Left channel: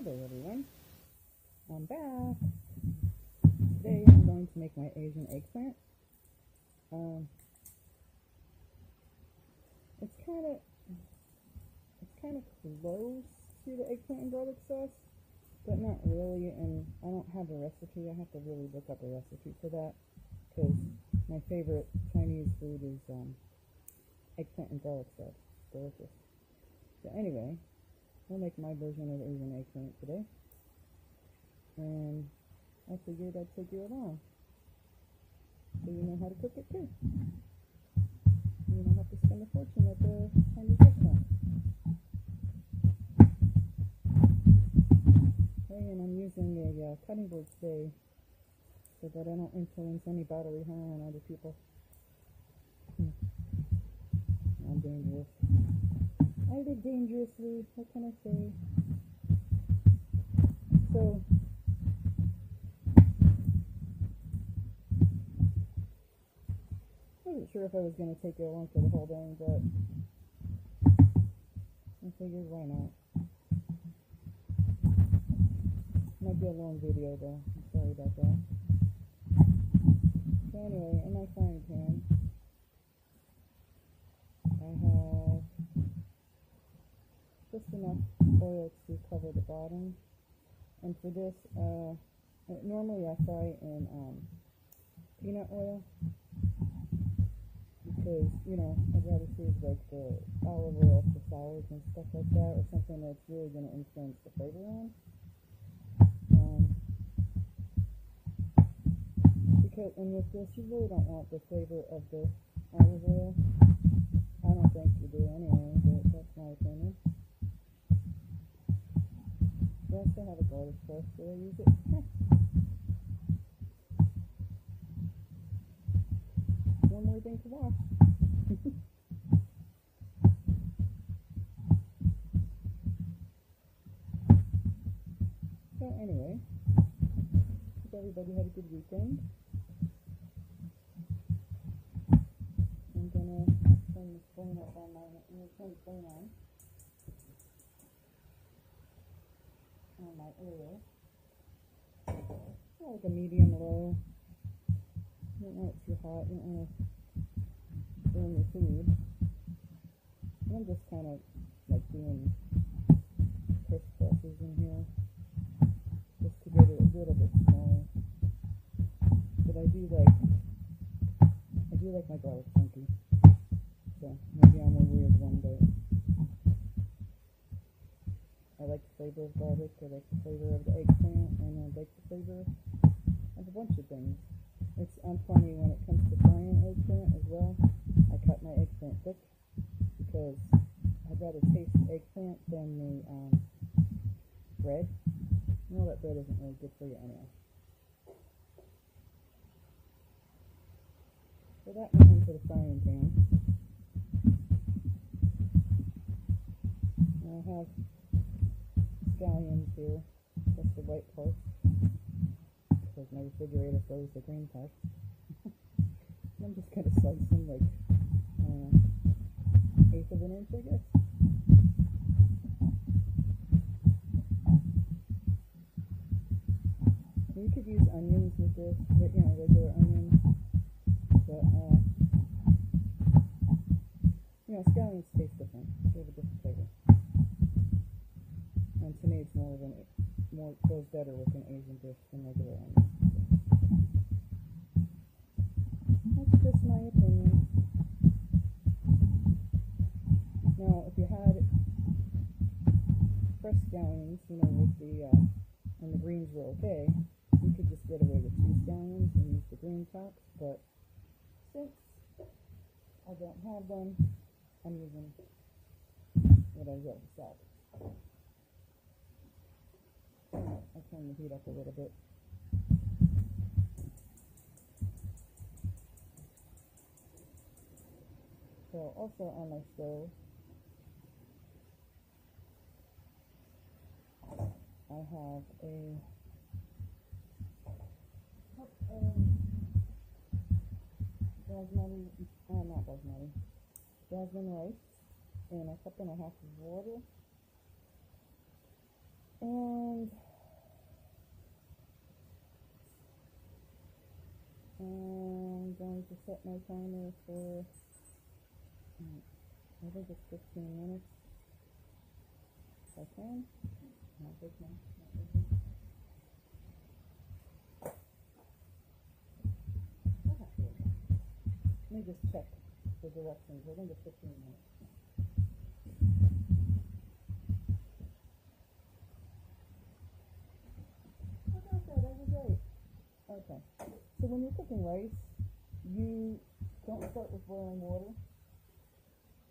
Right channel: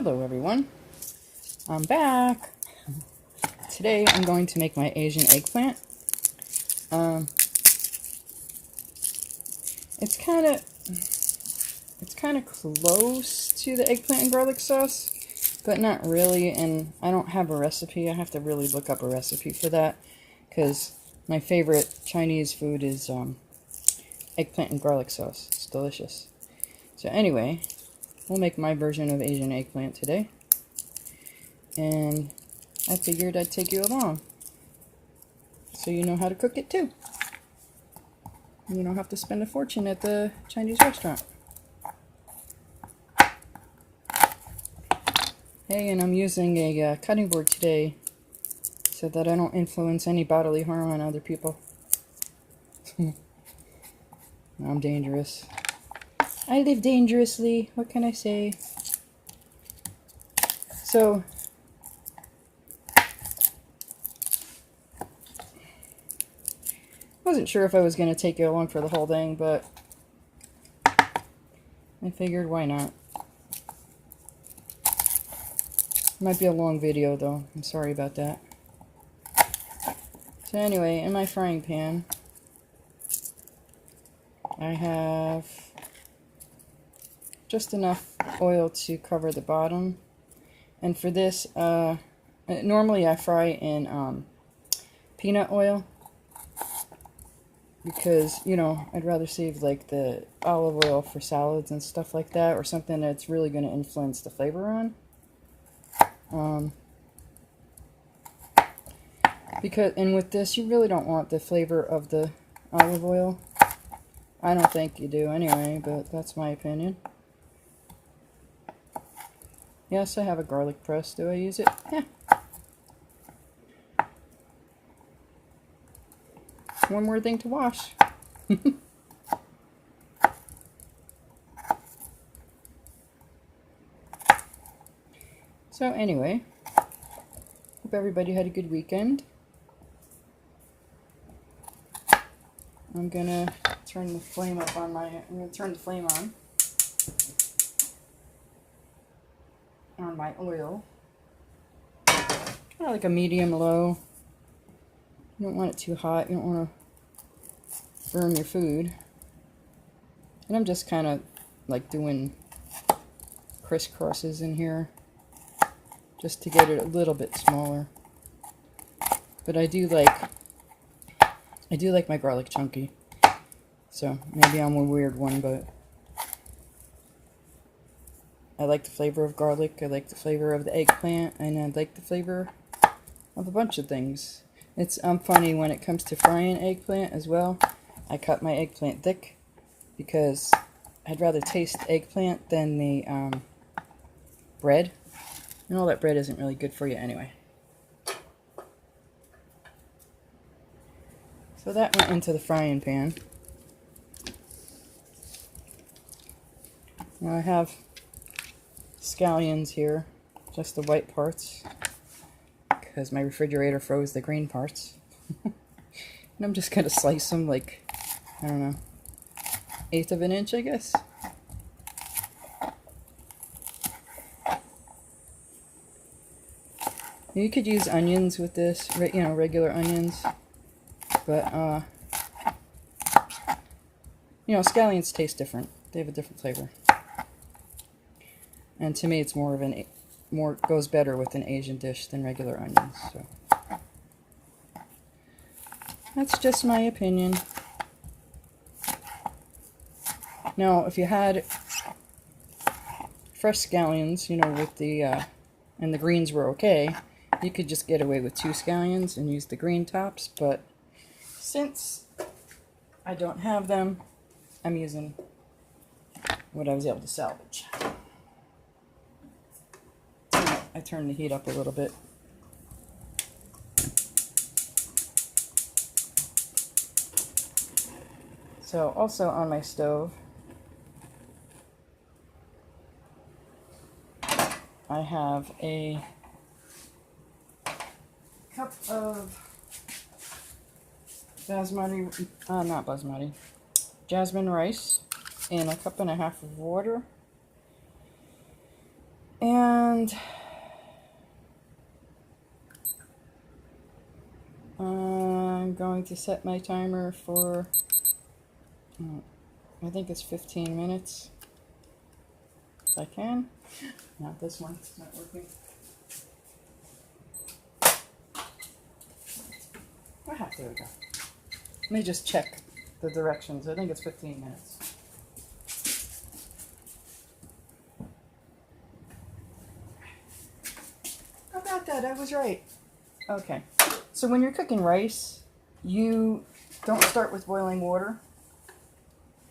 Hello everyone, I'm back. Today I'm going to make my Asian eggplant. It's kind of close to the eggplant and garlic sauce, but not really, and I don't have a recipe. I have to really look up a recipe for that, because my favorite Chinese food is eggplant and garlic sauce. It's delicious. So anyway, we'll make my version of Asian eggplant today. And I figured I'd take you along, so you know how to cook it too. You don't have to spend a fortune at the Chinese restaurant. Hey, and I'm using a cutting board today so that I don't influence any bodily harm on other people. I'm dangerous. I live dangerously. What can I say? So, I wasn't sure if I was going to take you along for the whole thing, but I figured why not. Might be a long video though. I'm sorry about that. So anyway, in my frying pan, I have just enough oil to cover the bottom. And for this, normally I fry in peanut oil, because, you know, I'd rather save like the olive oil for salads and stuff like that, or something that's really going to influence the flavor on. And with this, you really don't want the flavor of the olive oil. I don't think you do anyway, but that's my opinion. Yes, I have a garlic press. Do I use it? Yeah. One more thing to wash. So anyway, hope everybody had a good weekend. I'm gonna turn the flame on my oil. Kind of like a medium low. You don't want it too hot. You don't want to burn your food. And I'm just kind of like doing crisscrosses in here, just to get it a little bit smaller. But I do like my garlic chunky. So maybe I'm a weird one, but I like the flavor of garlic. I like the flavor of the eggplant, and I like the flavor of a bunch of things. It's funny when it comes to frying eggplant as well. I cut my eggplant thick because I'd rather taste eggplant than the bread. And all that bread isn't really good for you anyway. So that went into the frying pan. Now I have scallions here, just the white parts, because my refrigerator froze the green parts. And I'm just going to slice them like, I don't know, 1/8 of an inch, I guess. You could use onions with this, you know, regular onions, but, you know, scallions taste different. They have a different flavor. And to me, it's goes better with an Asian dish than regular onions. So that's just my opinion. Now, if you had fresh scallions, you know, with the and the greens were okay, you could just get away with 2 scallions and use the green tops. But since I don't have them, I'm using what I was able to salvage. I turned the heat up a little bit. So also on my stove, I have a cup of jasmine rice and a 1.5 cups of water. And And I'm going to set my timer for, I think it's 15 minutes. If I can. Not this one, it's not working. There we go. Let me just check the directions. I think it's 15 minutes. How about that? I was right. Okay. So when you're cooking rice, you don't start with boiling water.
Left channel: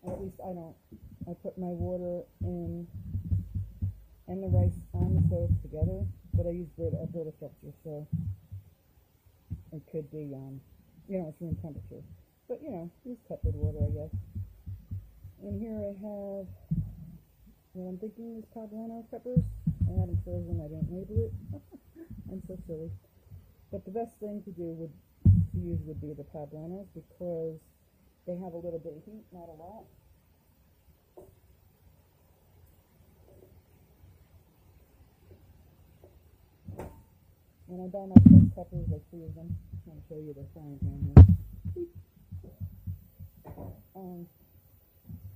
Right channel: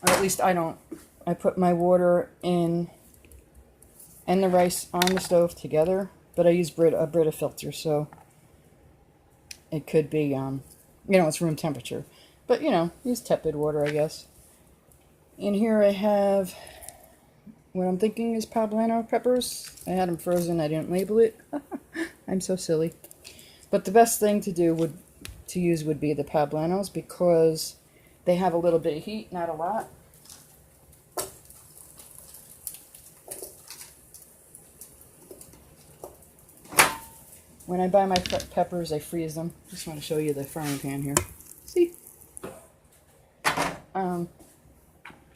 Or at least I don't. I put my water in and the rice on the stove together, but I use a Brita filter, so it could be, it's room temperature. But, use tepid water, I guess. And here I have what I'm thinking is poblano peppers. I had them frozen. I didn't label it. I'm so silly. But the best thing to use would be the poblanos because they have a little bit of heat, not a lot. When I buy my peppers, I freeze them. Just want to show you the frying pan here. See?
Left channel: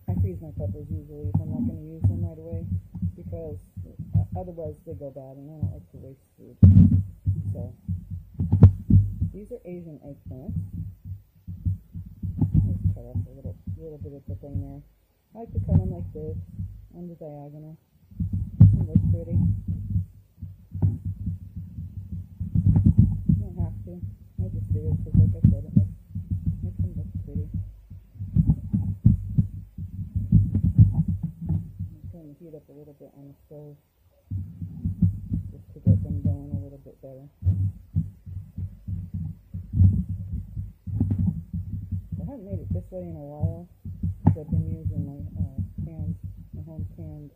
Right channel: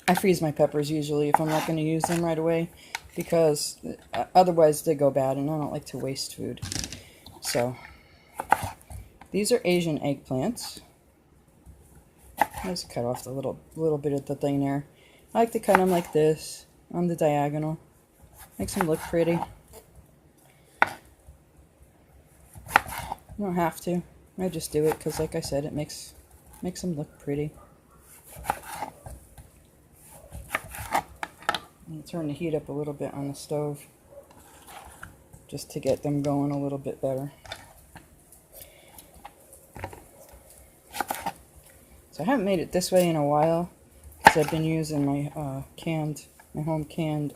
I freeze my peppers usually if I'm not going to use them right away because otherwise they go bad and I don't like to waste food. So, these are Asian eggplants. I just cut off the little bit of the thing there. I like to cut them like this on the diagonal. Makes them look pretty. I don't have to. I just do it because, like I said, it makes them look pretty. And turn the heat up a little bit on the stove just to get them going a little bit better. So I haven't made it this way in a while because I've been using my home canned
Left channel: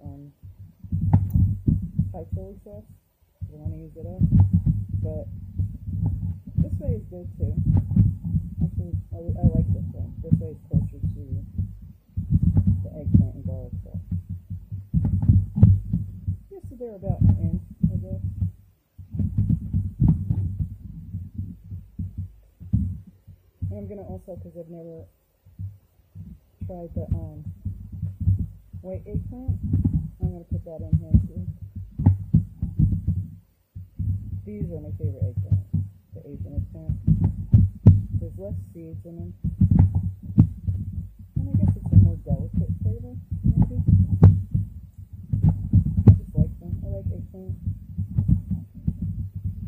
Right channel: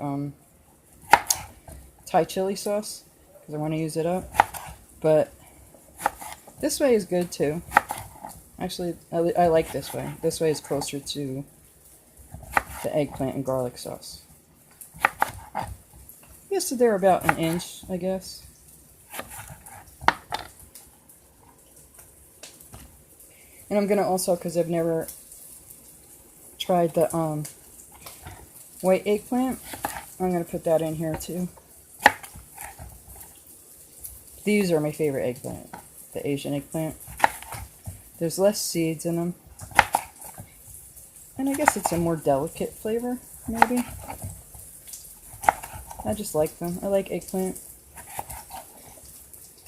Thai chili sauce because I want to use it up. But this way is good too. Actually, I like this way. This way is closer to the eggplant and garlic sauce. Yes, so they're about an inch, I guess. And I'm gonna also, because I've never tried the white eggplant, I'm gonna put that in here too. These are my favorite eggplant, the Asian eggplant. There's less seeds in them. And I guess it's a more delicate flavor, maybe. I just like them. I like eggplant.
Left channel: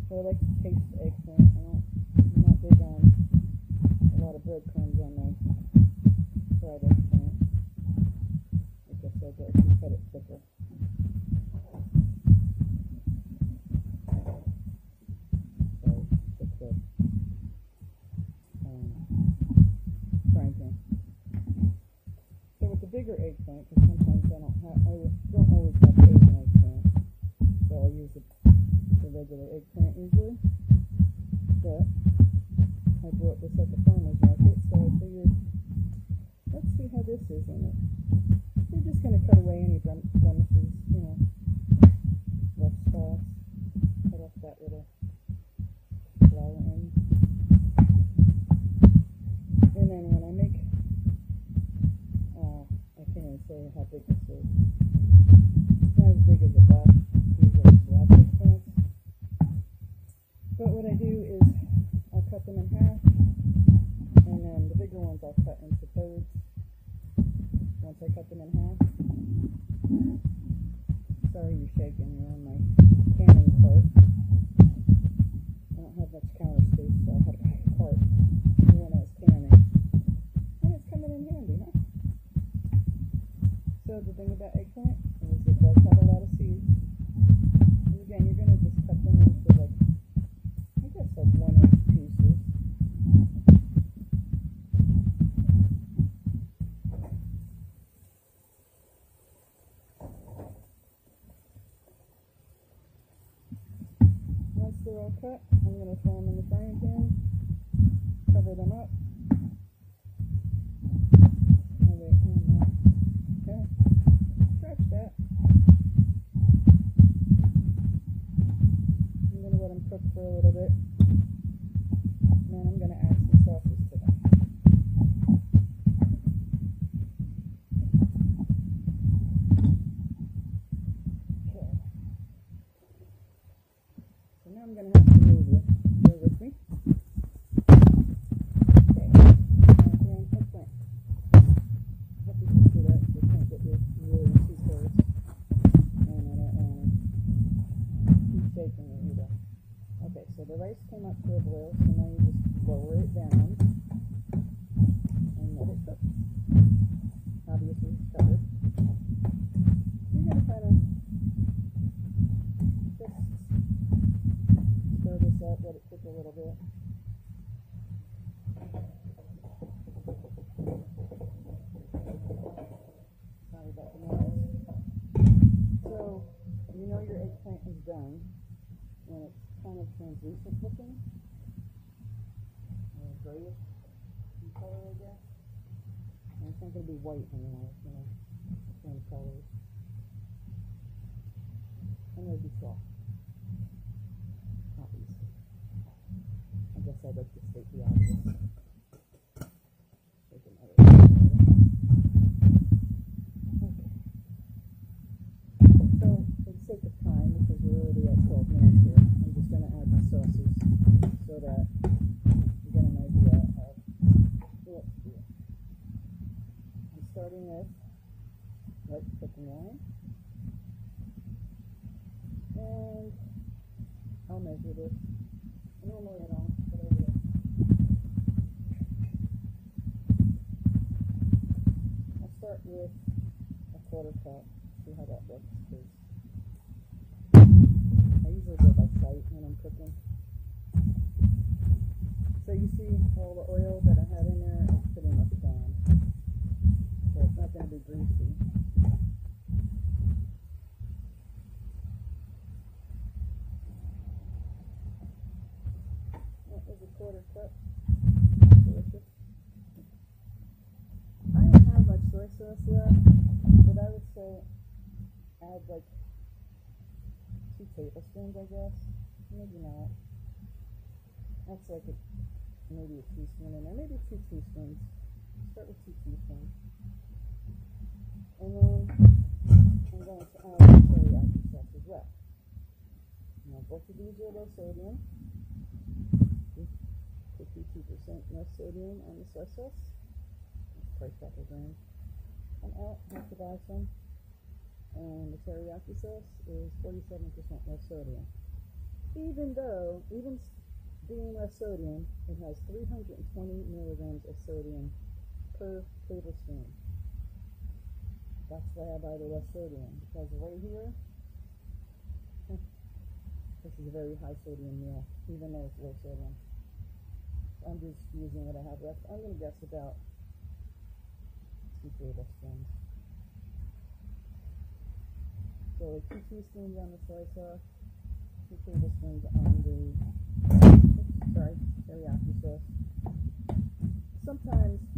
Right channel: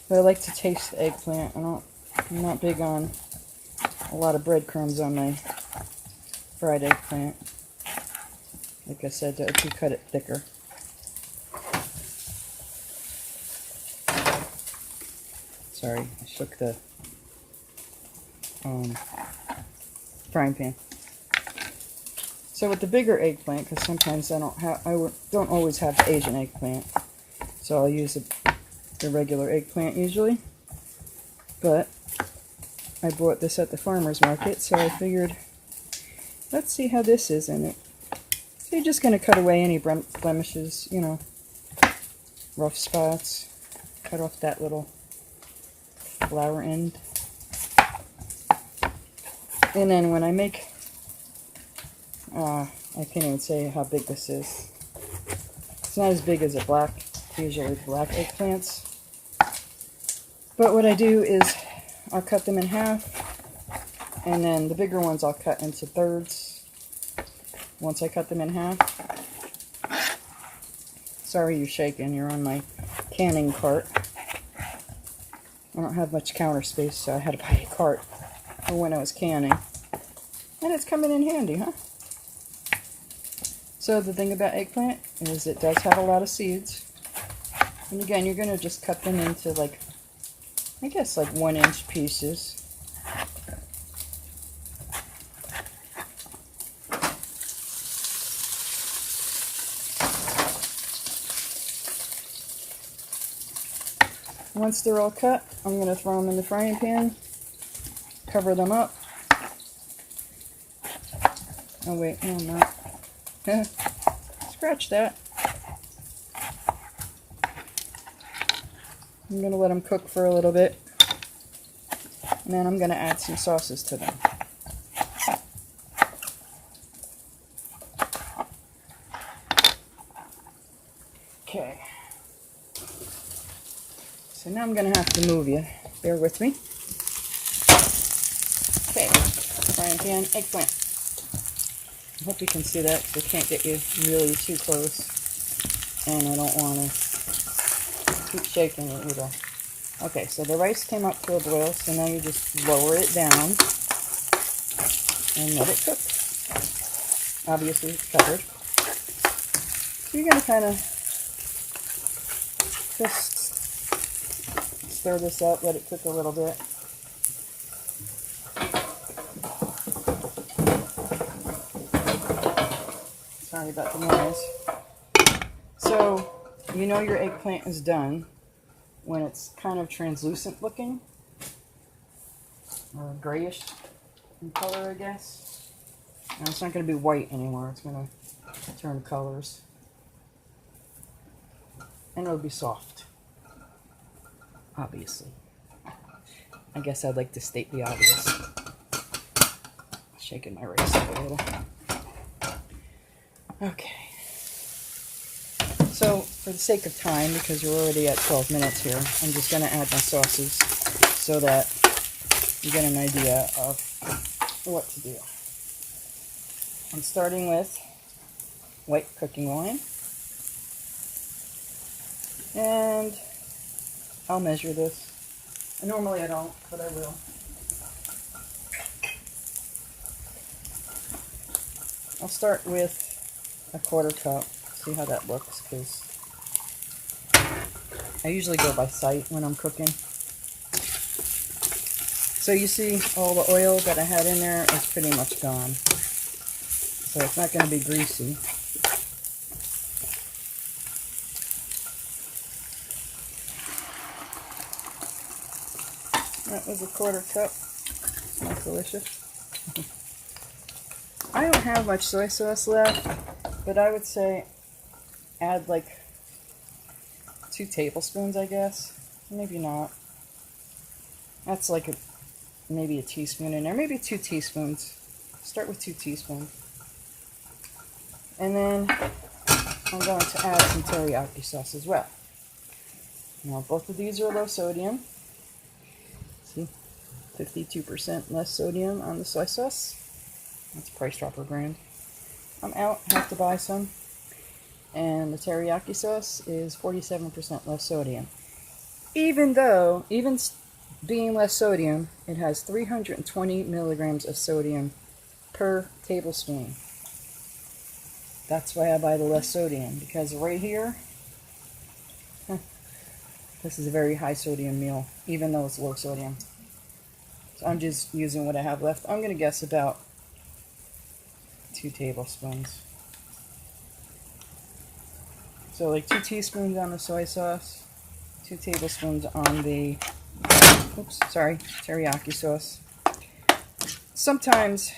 But I like to taste the eggplant. I'm not big on a lot of breadcrumbs on my fried eggplant. Like I said, to cut it thicker. Sorry, I shook the frying pan. So with the bigger eggplant, because sometimes I don't always have the Asian eggplant, so I'll use the regular eggplant usually. But I bought this at the farmer's market, so I figured, let's see how this is in it. So you're just going to cut away any blemishes, rough spots. Cut off that little flower end. And then when I make, I can't even say how big this is. It's not as big as usually black eggplants. But what I do is I'll cut them in half, and then the bigger ones I'll cut into thirds once I cut them in half. Sorry you're shaking, you're on my canning cart. I don't have much counter space, so I had to buy a cart for when I was canning. And it's coming in handy, huh? So the thing about eggplant is it does have a lot of seeds. And again, you're going to just cut them into I guess 1-inch pieces. Once they're all cut, I'm going to throw them in the frying pan, cover them up. Oh wait, no, I'm not. Scratch that. I'm going to let them cook for a little bit. And then I'm going to add some sauces to them. Okay. So now I'm going to have to move you. Bear with me. Okay. And again, eggplant. I hope you can see that because I can't get you really too close. And I don't want to keep shaking it either. Okay, so the rice came up to a boil, so now you just lower it down and let it cook. Obviously, it's covered. So you're going to kind of just stir this up, let it cook a little bit. Sorry about the noise. So, you know your eggplant is done when it's kind of translucent looking, or grayish in color, I guess. Now it's not going to be white anymore, it's going to turn colors. And it'll be soft, obviously. I guess I'd like to state the obvious. Shaking my rice a little. Okay. So, for the sake of time, because we're already at 12 minutes here, I'm just going to add my sauces so that you get an idea of what to do. I'm starting with white cooking wine. And I'll measure this. Normally I don't, but I will. I'll start with a 1/4 cup. See how that looks, because I usually go by sight when I'm cooking. So you see all the oil that I had in there is pretty much gone. So it's not going to be greasy. That was a 1/4 cup. That's delicious. I don't have much soy sauce left, but I would say add like 2 tablespoons, I guess. Maybe not. That's like maybe a teaspoon in there. Maybe 2 teaspoons. Start with 2 teaspoons. And then I'm going to add some teriyaki sauce as well. Now both of these are low sodium. See, 52% less sodium on the soy sauce. That's Price Dropper brand. I'm out, I have to buy some. And the teriyaki sauce is 47% less sodium. Even though, even being less sodium, it has 320 milligrams of sodium per tablespoon. That's why I buy the less sodium, because right here, this is a very high sodium meal, even though it's low sodium. So I'm just using what I have left. I'm going to guess about 2 tablespoons. So like 2 teaspoons on the soy sauce, 2 tablespoons on the, teriyaki sauce. Sometimes,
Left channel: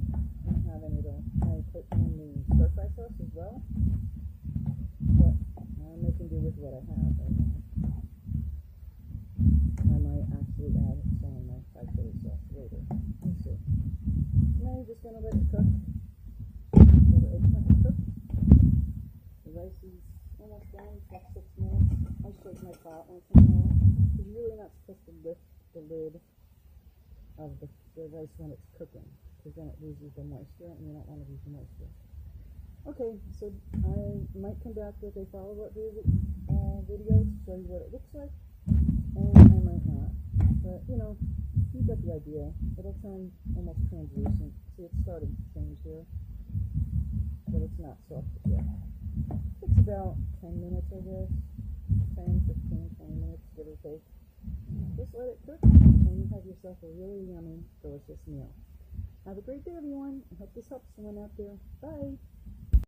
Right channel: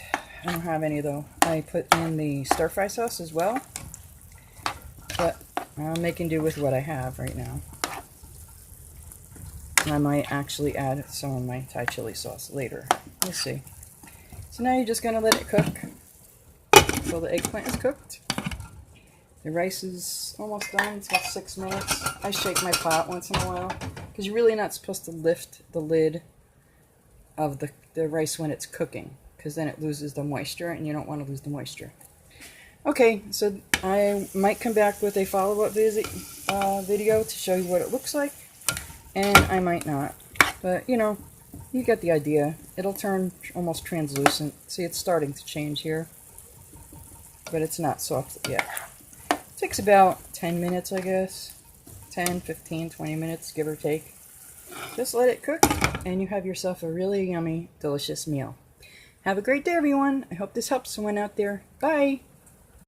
I don't have any though, I put in the stir fry sauce as well, but I'm making do with what I have right now. I might actually add some of my Thai chili sauce later. We'll see. So now you're just going to let it cook until the eggplant is cooked. The rice is almost done. It's got 6 minutes. I shake my pot once in a while because you're really not supposed to lift the lid of the rice when it's cooking, because then it loses the moisture and you don't want to lose the moisture. Okay, so I might come back with a follow-up video to show you what it looks like, and I might not, but you know, you get the idea. It'll turn almost translucent. See, it's starting to change here, but it's not soft yet. It takes about 10 minutes, I guess. 10, 15, 20 minutes, give or take. Just let it cook, and you have yourself a really yummy, delicious meal. Have a great day, everyone. I hope this helps someone out there. Bye!